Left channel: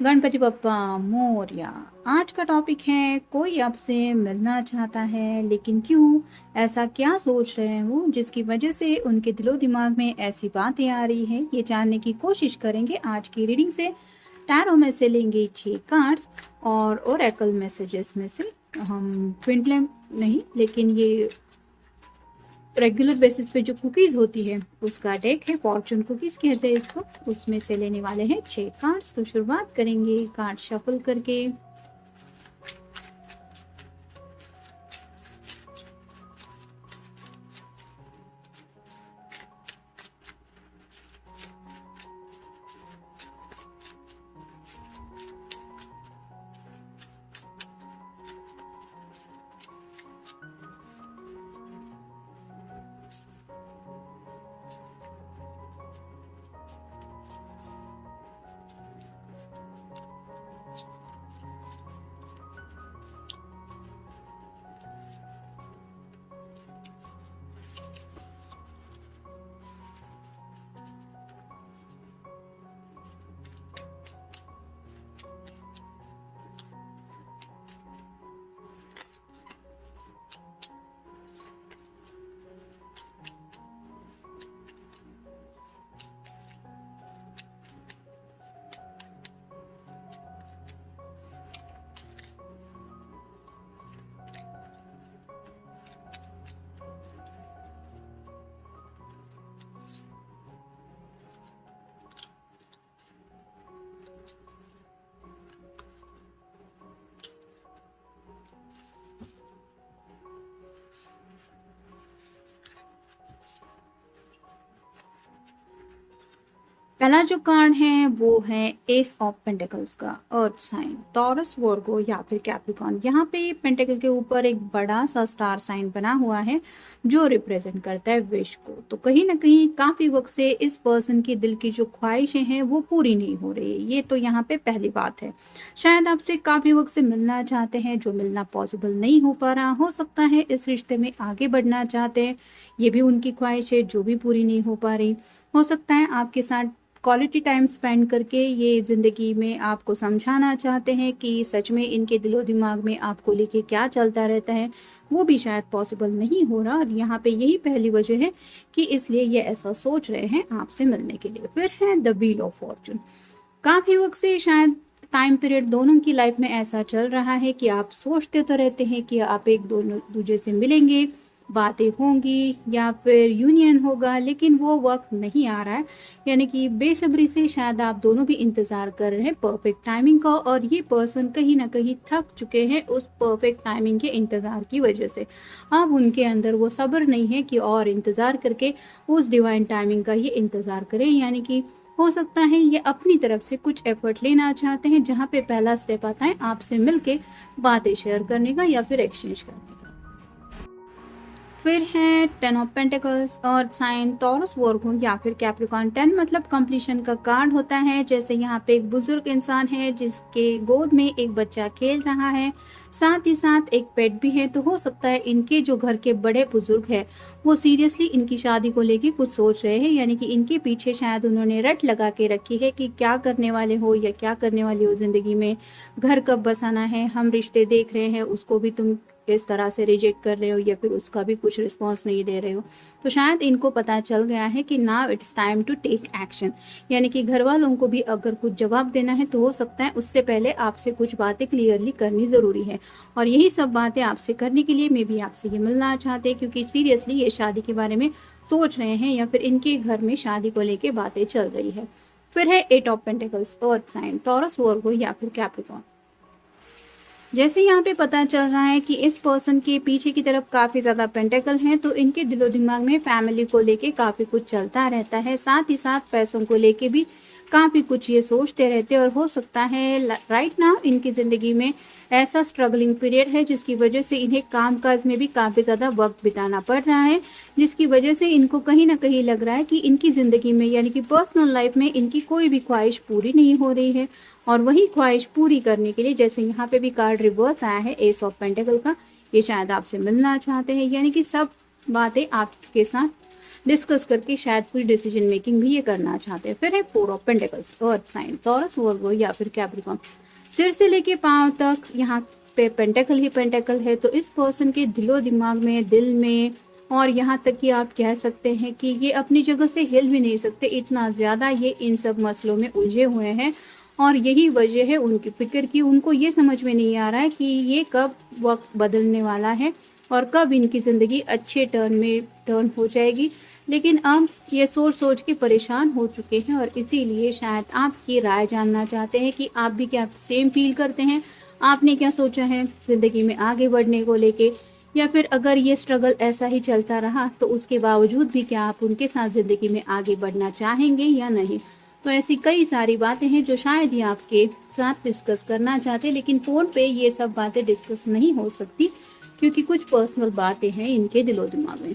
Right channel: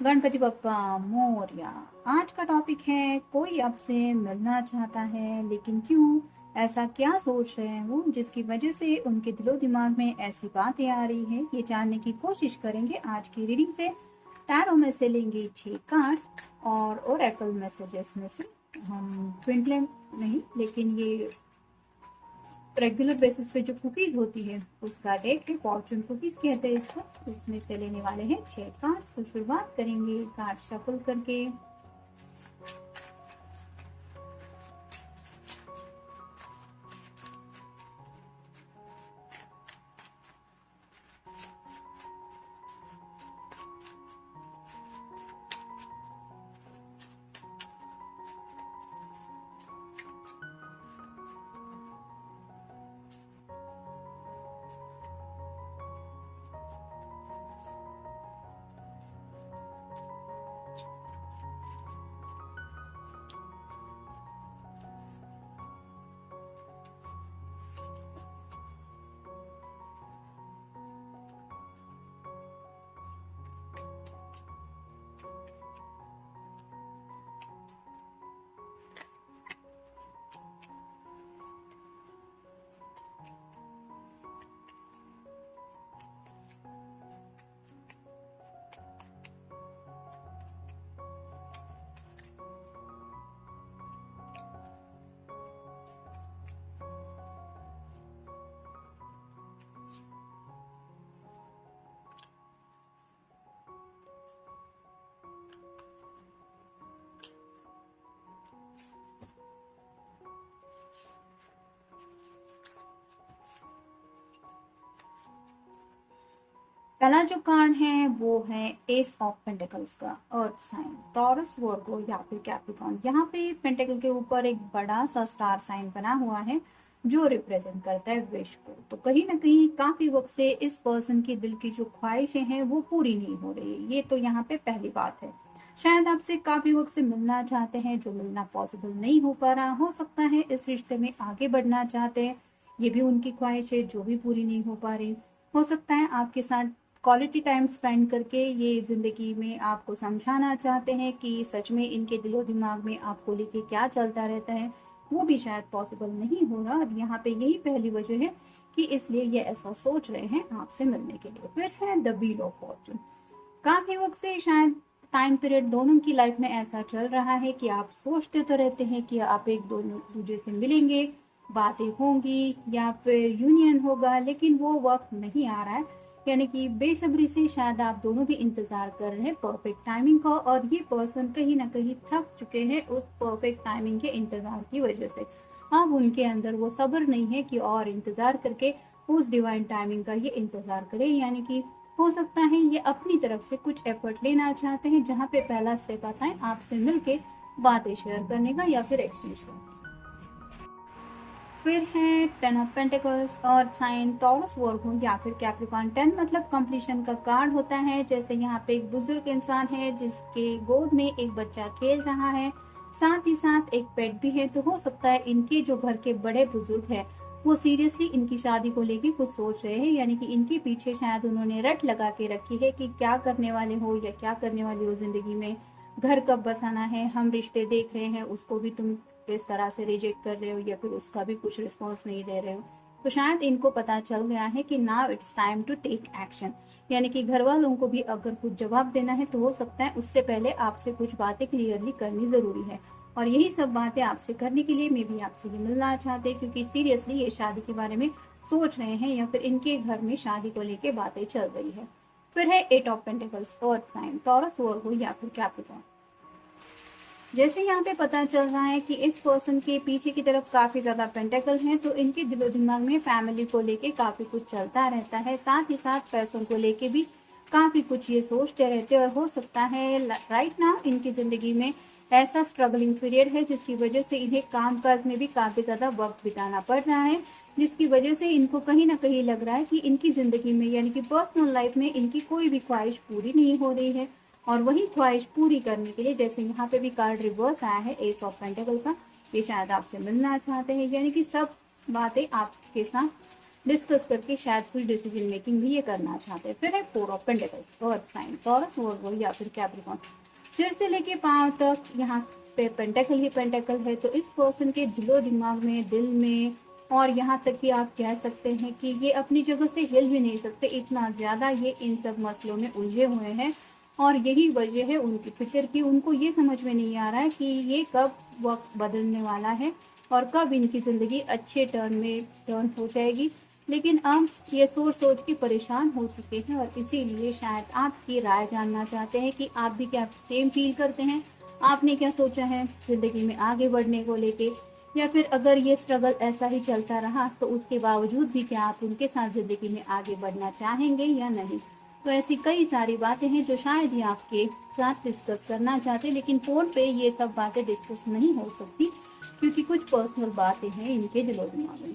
गणपति बप्पा मोरया। आज का टॉपिक है कोई आपसे मिलना चाहता है लेकिन क्यों, ऐसा क्या सोच रहे हैं वो जिसकी वजह से उनके दिलो दिमाग में ऐसी बातें आ रही हैं, ये जानने की कोशिश करेंगे आज की रीडिंग से। टैरो में से लेंगे 6 कार्ड्स और ओरेकल मैसेजेस में से हम ट्विन फ्लेम नहीं लेकिन ये रेगुलर बेसिस पे जो कुकीज़ होती है उसका डेक है, फॉर्चून कुकीज़ कहते हैं इसको। उसमें से लेने वाले हैं 6 कार्ड्स। तो शुरुआत करेंगे कार्ड शफल करके। पहला जो कार्ड है वो है एस ऑफ पेंटिकल्स का, अर्थ साइन, टॉरस, वर्गो या फिर कैप्रिकॉर्न। यहाँ पे पेंटिकल के ऊपर एक बड़ा सा स्टार साइन बना हुआ है जो रिप्रेजेंट करता है विश को। तो कहीं ना कहीं काफी वक्त से इस पर्सन की दिल की जो ख्वाहिशें हैं वो पूरी नहीं हो रही है, ये तो यहाँ पे पहली बात है। शायद आपसे काफी वक्त से मिलना चाहते हैं, जो मिलना पॉसिबल नहीं हो पा रहा। हो सकता है इस रिश्ते में आगे बढ़ना चाहते हैं, ये भी उनकी ख्वाहिश है जो भी पूरी नहीं हो पा रही। हो सकता है आपके साथ क्वालिटी टाइम स्पेंड करके ये ज़िंदगी में आपको समझाना चाहते हैं कि सच में इनके दिलो दिमाग में आपको लेके क्या चलता रहता है, वो भी शायद पॉसिबल नहीं हो रहा। और यहाँ पे यही पहली वजह है कि इसलिए ये ऐसा सोच रहे हैं आपसे मिलने के लिए। फिर है द व्हील ऑफ फॉर्चून। काफ़ी वक्त से शायद टाइम पीरियड दोनों की लाइफ में ऐसा चल रहा है कि आप सोचते तो रहते हैं कि आप एक दोनों दूसरे से मिलेंगे, बातें होंगी या फिर यूनियन होगा, लेकिन वो वक्त नहीं आ रहा है। यानी कि बेसब्री से शायद आप दोनों भी इंतज़ार कर रहे हैं परफेक्ट टाइमिंग का, और ये पर्सन कहीं ना कहीं थक चुके हैं उस परफेक्ट टाइमिंग के इंतज़ार की वजह से। अब उनके अंदर वो सब्र नहीं है कि और इंतज़ार करके उस डिवाइन टाइमिंग का ये इंतज़ार करें। यानी कि हो सकता है ये अपनी तरफ से कुछ एफर्ट लेना चाहते हैं, जहाँ पे पहला स्टेप आता है आपसे मिलके बातें शेयर करने का या फिर एक्सचेंज करने का। फिर है 10 of pentacles, earth sign, Taurus, Virgo या फिर कैप्रिकॉर्न। 10 मतलब कंप्लीशन का कार्ड होता है। जैसे यहाँ पे एक बुजुर्ग इंसान है जिसके गोद में एक बच्चा खेल रहा है, साथ ही साथ एक पेट भी है। तो हो सकता है इनके जो घर के बड़े बुजुर्ग हैं वो सीरियसली इनकी शादी को लेके कुछ सोच रहे हैं। यानी कि इनके पीछे शायद उन्होंने रट लगा के रखी है कि क्या करने वाले हो या क्या करने वाली हो ज़िंदगी में, घर कब बसाना है, हम रिश्ते देख रहे हैं उसको भी तुम इस तरह से रिजेक्ट कर रहे हो या फिर उसका भी कुछ रिस्पॉन्स नहीं दे रहे हो। तो शायद इनको पता चल गया है कि now it's time to take action. यानी कि घर वालों को भी अगर कुछ जवाब देना है तो हो सकता है उससे पहले आपसे कुछ बातें क्लियरली करनी ज़रूरी है। और यही सब बातें आपसे करने के लिए मे भी आपसे ये मिलना चाहते हैं, क्योंकि सीरियसली ये शादी के बारे में सोच रहे हैं या फिर इनके घर में शादी को लेके बातें चल रही है। फिर है 8 of pentacles, earth sign, Taurus, Virgo या फिर कैप्रिकॉर्न। जैसे यहाँ पे पता चल रहा है कि इस पर्सन के पीछे की तरफ काफ़ी ज़्यादा पेंटेकल हैं, तो इनके दिलो दिमाग में फैमिली को लेके काफ़ी कुछ चलता रहता है, साथ ही साथ पैसों को लेके भी काफ़ी कुछ ये सोचते रहते हैं। और हो सकता है राइट नाउ इनकी ज़िंदगी में ऐसा स्ट्रगलिंग पीरियड है जिसकी वजह से इन्हें कामकाज में भी काफ़ी ज़्यादा वक्त बिताना पड़ रहा है, जिसकी वजह से इनको कहीं ना कहीं लग रहा है कि इनकी ज़िंदगी में यानी कि पर्सनल लाइफ में इनकी कोई भी ख्वाहिश पूरी नहीं हो रही है। और वही ख्वाहिश पूरी करने के लिए, जैसे यहाँ पे भी कार्ड रिवर्स आया है एस ऑफ पेंटिकल का, ये शायद आपसे मिलना चाहते हैं। यानी कि सब बातें आपके साथ डिस्कस करके शायद कोई डिसीजन मेकिंग भी ये करना चाहते हैं। फिर है four of pentacles, earth sign, Taurus, Virgo या फिर कैप्रिकॉर्न। सिर से लेके पांव तक यहाँ पे पेंटेकल ही पेंटेकल है। तो इस पर्सन के दिलो दिमाग में, दिल में, और यहाँ तक कि आप कह सकते हैं कि ये अपनी जगह से हिल भी नहीं सकते, इतना ज़्यादा ये इन सब मसलों में उलझे हुए हैं। और यही वजह है उनकी फिक्र की। उनको ये समझ में नहीं आ रहा है कि ये कब वक्त बदलने वाला है और कब इनकी ज़िंदगी अच्छे टर्न में टर्न हो जाएगी। लेकिन अब ये सोच सोच के परेशान हो चुके हैं और इसीलिए शायद आपकी राय जानना चाहते हैं कि आप भी क्या सेम फील करते हैं, आपने क्या सोचा है ज़िंदगी में आगे बढ़ने को लेके, या फिर अगर ये स्ट्रगल ऐसा ही चलता रहा तो उसके बावजूद भी क्या आप उनके साथ ज़िंदगी में आगे बढ़ना चाहेंगे या नहीं। तो ऐसी कई सारी बातें हैं जो शायद ये आपके साथ डिस्कस करना चाहते हैं, लेकिन फ़ोन पे ये सब बातें डिस्कस नहीं हो सकती क्योंकि कुछ पर्सनल बातें हैं इनके दिलो दिमाग में।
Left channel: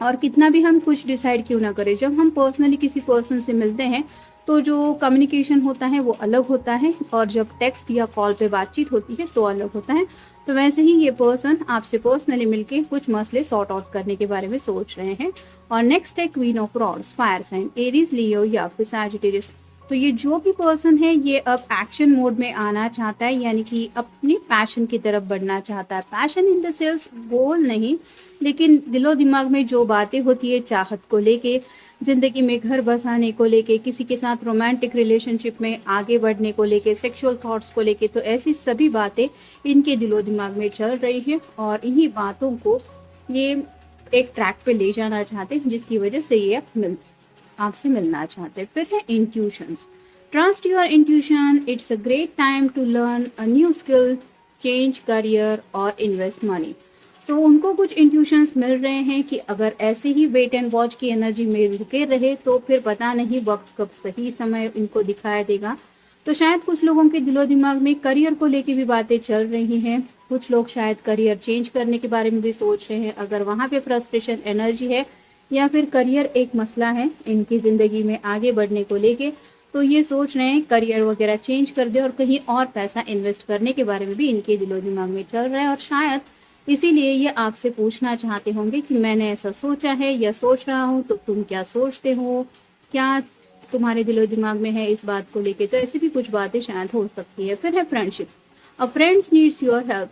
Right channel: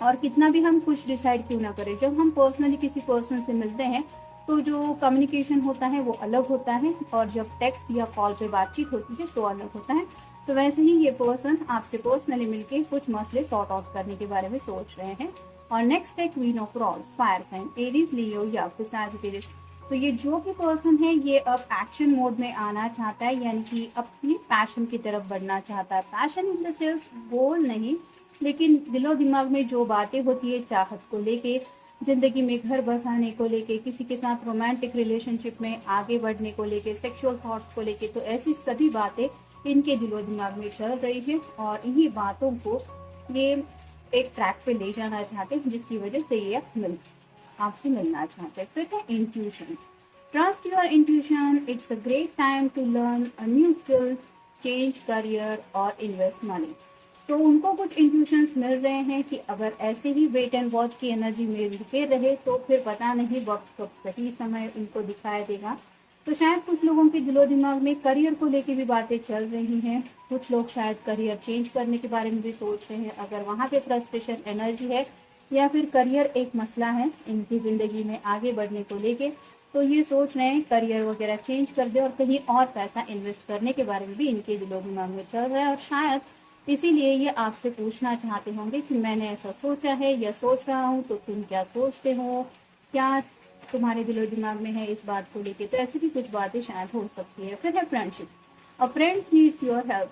और कितना भी हम कुछ डिसाइड क्यों ना करें, जब हम पर्सनली किसी पर्सन से मिलते हैं तो जो कम्युनिकेशन होता है वो अलग होता है, और जब टेक्स्ट या कॉल पे बातचीत होती है तो अलग होता है। तो वैसे ही ये पर्सन आपसे पर्सनली मिलके कुछ मसले सॉर्ट आउट करने के बारे में सोच रहे हैं। और नेक्स्ट है queen of rods, fire sign, Aries, Leo या फिर सैजिटेरियस। तो ये जो भी पर्सन है ये अब एक्शन मोड में आना चाहता है, यानी कि अपनी पैशन की तरफ बढ़ना चाहता है। पैशन इन द सेंस गोल नहीं, लेकिन दिलो दिमाग में जो बातें होती है चाहत को लेके, ज़िंदगी में घर बसाने को लेके, किसी के साथ रोमांटिक रिलेशनशिप में आगे बढ़ने को लेके, सेक्सुअल थॉट्स को लेके, तो ऐसी सभी बातें इनके दिलो दिमाग में चल रही हैं और इन्हीं बातों को ये एक ट्रैक पे ले जाना चाहते हैं, जिसकी वजह से ये आपसे मिलना चाहते हैं। फिर है intuitions, trust your intuition, it's a great time to learn a new skill, change career और इन्वेस्ट मनी। तो उनको कुछ इंट्यूशंस मिल रहे हैं कि अगर ऐसे ही वेट एंड वॉच की एनर्जी में रुके रहे तो फिर पता नहीं वक्त कब सही समय इनको दिखाया देगा। तो शायद कुछ लोगों के दिलो दिमाग में करियर को लेके भी बातें चल रही हैं। कुछ लोग शायद करियर चेंज करने के बारे में भी सोच रहे हैं। अगर वहाँ पे फ्रस्ट्रेशन एनर्जी है या फिर करियर एक मसला है इनकी ज़िंदगी में आगे बढ़ने को लेके, तो ये सोच रहे हैं करियर वगैरह चेंज कर दे और कहीं और पैसा इन्वेस्ट करने के बारे में भी इनके दिलो दिमाग में चल रहा है। और शायद इसीलिए ये आपसे पूछना चाहते होंगे कि मैंने ऐसा सोचा है या सोच रहा हूँ, तो तुम क्या सोचते हो, क्या तुम्हारे दिलो दिमाग में है इस बात को लेके। तो ऐसी भी कुछ बातें शायद हो सकती है। फिर है friendship, a friends needs your help,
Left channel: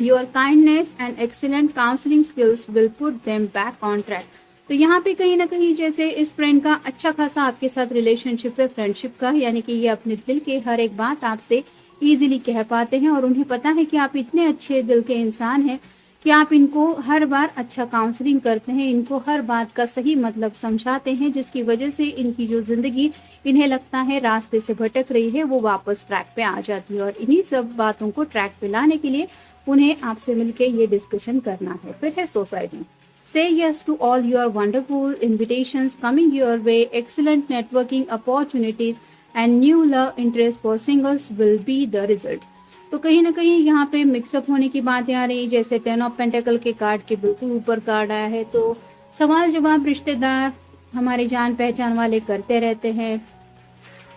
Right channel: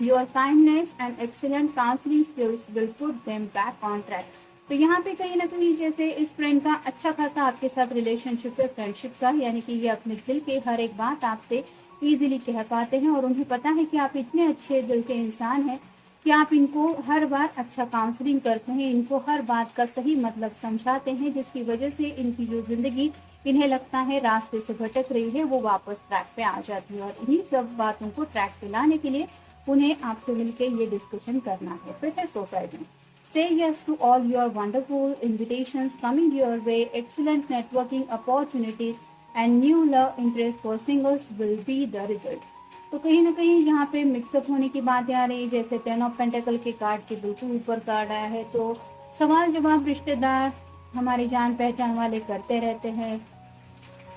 your kindness and excellent counselling skills will put them back on track. तो यहाँ पे कहीं ना कहीं जैसे इस फ्रेंड का अच्छा खासा आपके साथ रिलेशनशिप है फ्रेंडशिप का, यानी कि ये अपने दिल के हर एक बात आपसे ईजिली कह पाते हैं और उन्हें पता है कि आप इतने अच्छे दिल के इंसान हैं कि आप इनको हर बार अच्छा काउंसलिंग करते हैं, इनको हर बात का सही मतलब समझाते हैं, जिसकी वजह से इनकी जो ज़िंदगी इन्हें लगता है रास्ते से भटक रही है वो वापस ट्रैक पे आ जाती है। और इन्हीं सब बातों को ट्रैक पे लाने के लिए उन्हें आपसे मिलके ये डिस्कशन करना है। फिर है society, say yes to all your wonderful invitations coming your way, excellent networking opportunities and new love interest for singles will be the result। तो कहीं ना कहीं यहाँ पे मिक्सअप होने की बातें आ रही, जैसे 10 ऑफ पेंटेकल के कार्ड के बिल्कुल ऊपर कार्ड आया है। तो सवाल जवाब रिश्तेदार हमारे जान पहचान वाले करते रहते हैं,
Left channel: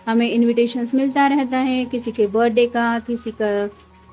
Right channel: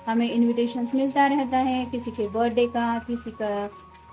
हमें इनविटेशंस मिलता रहता है, किसी के बर्थडे का, किसी का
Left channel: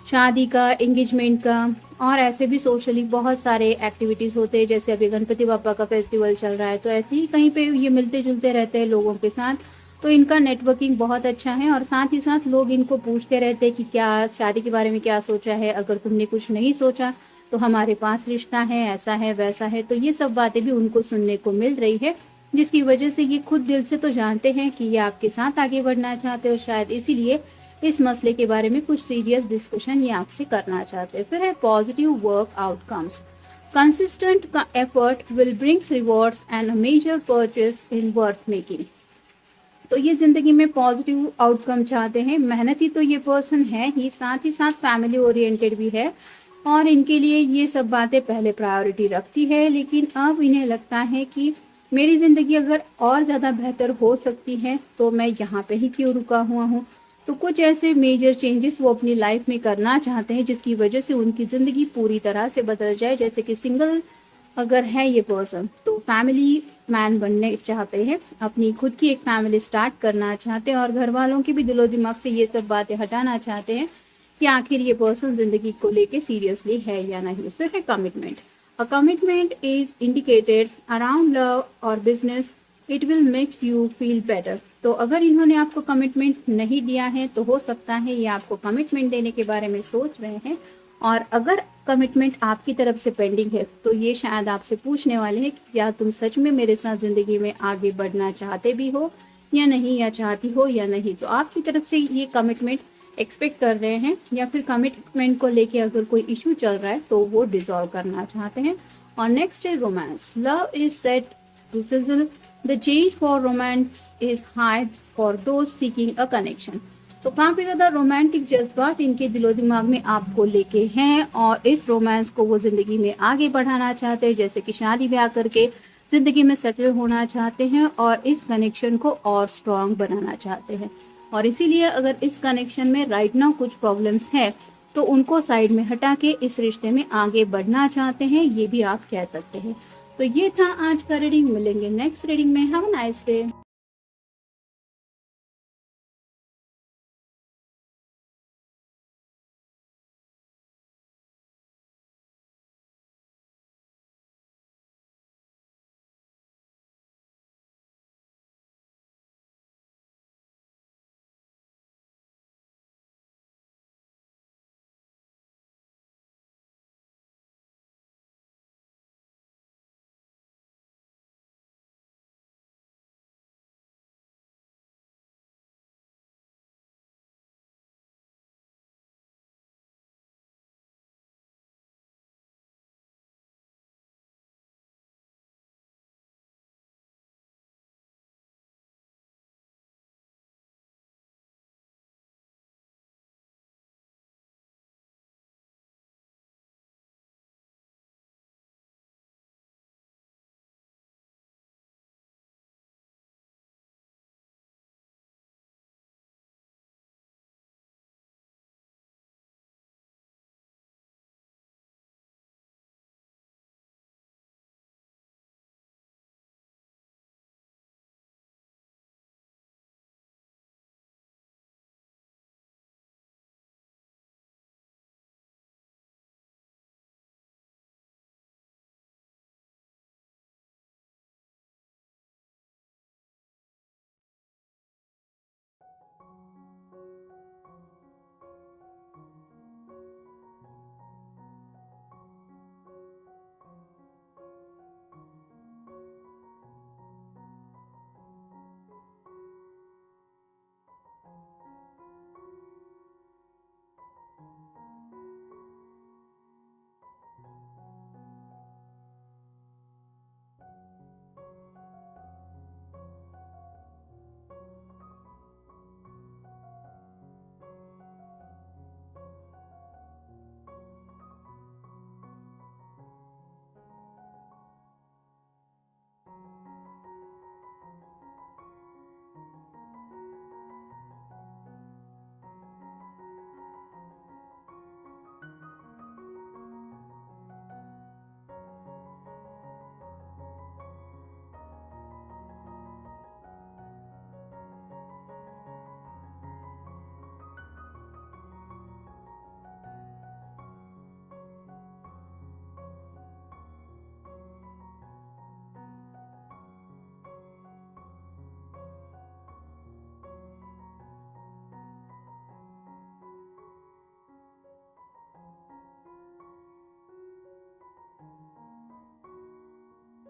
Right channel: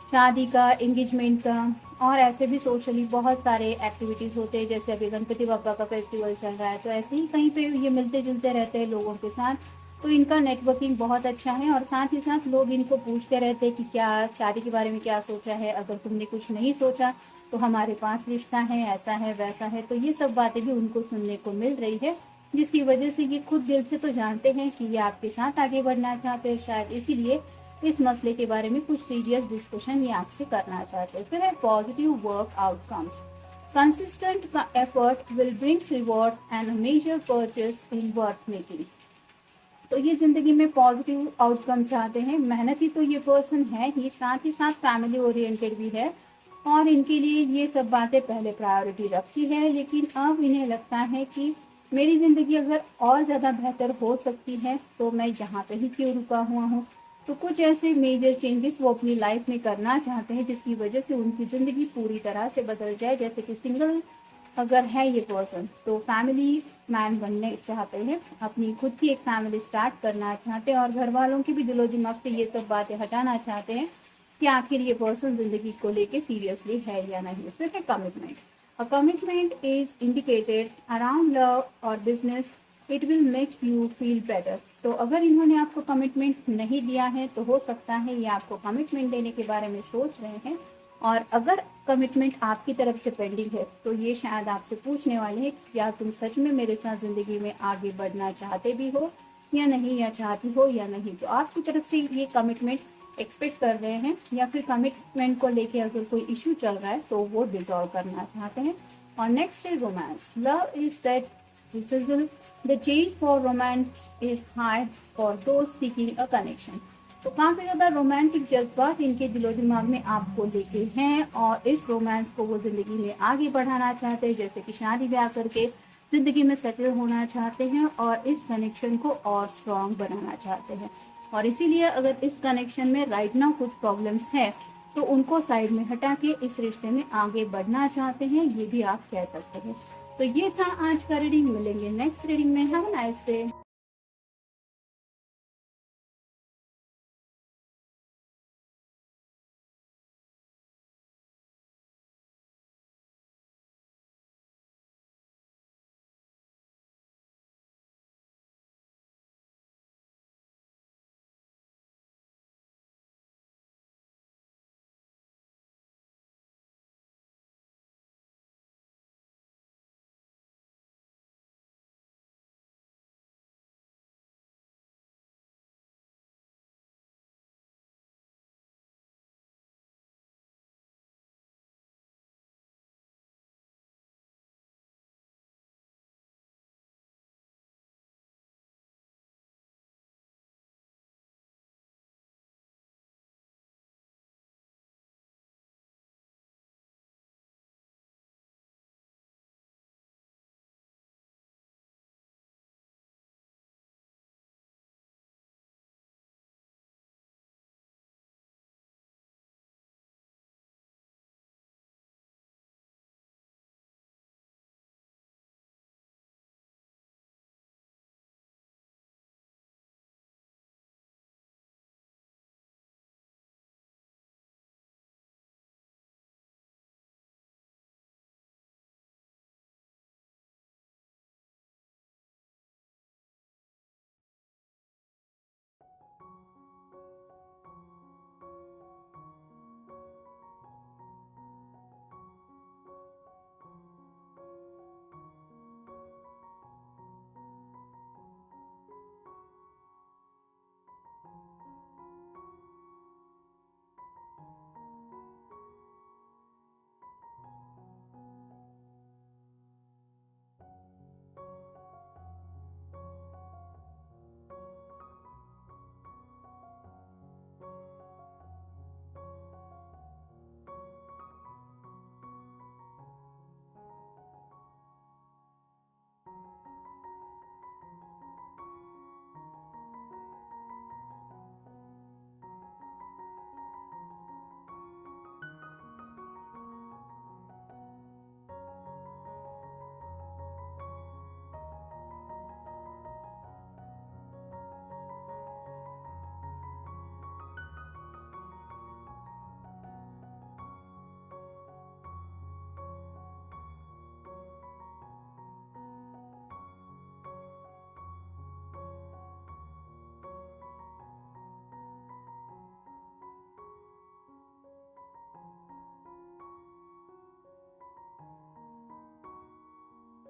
शादी का, एंगेजमेंट का, और ऐसे भी सोशली बहुत सारे एक्टिविटीज़ होते हैं। जैसे अभी गणपति बापा का फेस्टिवल चल रहा है, तो ऐसे ही कहीं पे ये मिलते जुलते रहते हैं लोगों के साथ। तो इनका नेटवर्किंग बहुत अच्छा है और साथ ही साथ लोग इनको पूछते रहते हैं कि क्या शादी के बारे में क्या सोचा है, अगर तुमने कुछ नहीं सोचा तो हमारे पास रिश्ता है, ऐसा है वैसा है। तो ये सब बातें भी उनको सुनने को मिल रही है, जिसकी वजह से ये खुद दिल से तो जानते हैं कि ये आपके साथ आगे बढ़ना चाहते हो, शायद इसीलिए इस मसले के बारे में कुछ सीरियस डिस्कशन ये आपसे करना चाहते हैं। फिर है पॉजिटिव वर्क आउटकम्स, कंसिस्टेंट का effort will brings rewards and a major purchase in worth making. तो ये ज़िंदगी में पॉजिटिव आउटकम चाहते हैं, मेहनती तो ये पर्सन है ही, साथ ही साथ फैमिली ओरिएंटेड भी है और इनके लिए ये सब बातें पहले प्रायोरिटी रखती है। लेकिन अब इन्हें लगता है कि मेरी ज़िंदगी अगर और ज़्यादा बेहतर हो सकती है तो मैं यहाँ पे ही क्यों रुका हुआ हूँ। तो कुछ ऐसे मेजर चेंजेस वो अपनी लाइफ में करना चाहते हैं जिसकी वजह से उनकी ज़िंदगी पूरी तरह से बदल जाए। जैसे कि सिंगल अगर है ये पर्सन तो फैमिली मैन बनने चाहते हैं, अपनी खुद की एक फैमिली स्टार्ट करना चाहते हैं और घर वालों के भी दिलो दिमाग से ये सब बातें हटाना चाहते हैं कि आखिर ये पर्सन ज़िंदगी को लेके सीरियसली है या नहीं। फिर है commitment, A commitment is indicated around love or business. It will make you feel better. तो अगर इन्होंने आपको कमिटमेंट नहीं दिया है तो हो सकता है ये आपको कमिटमेंट देने के बारे में सोच रहे हैं, और अगर कमिटमेंट आपकी तरफ से पेंडिंग है तो ये शायद आपसे पूछने वाले हैं कि क्या तुम सच में मेरे साथ ज़िंदगी में आगे बढ़ना चाहते भी हो या नहीं, या चाहती हो या नहीं। तो आपकी तरफ से ये कमिटमेंट एक्सपेक्ट कर रहे हैं, या फिर कमिटमेंट को लेके अगर कोई इशू चल रहा है तो वो डिसॉल्व करना चाहते हैं। और नेक्स्ट है romance. Love is set to sizzle, the change for romance is high for those seeking a connection. तो काफ़ी ज़्यादा रोमांटिक जज्बात इनके दिलो दिमाग में आपको लेके हैं, और इस रोमांस को वो ज़िंदगी में आगे बढ़ाना चाहते हैं, जैसे कि शादी ब्याह करके ज़िंदगी में सेटल होना चाहते हैं, और इस कनेक्शन को और स्ट्रॉन्ग बनाना चाहते हैं। और इसीलिए अगर इस कनेक्शन में राइट नाउ कुछ प्रॉब्लम्स है तो उनको साइड में हटा के इस रिश्ते में आगे बढ़ना चाहते हैं, ये भी आप कह सकते हैं। तो ये था आज का रीडिंग। मिलेंगे नेक्स्ट रीडिंग में। Have a nice day.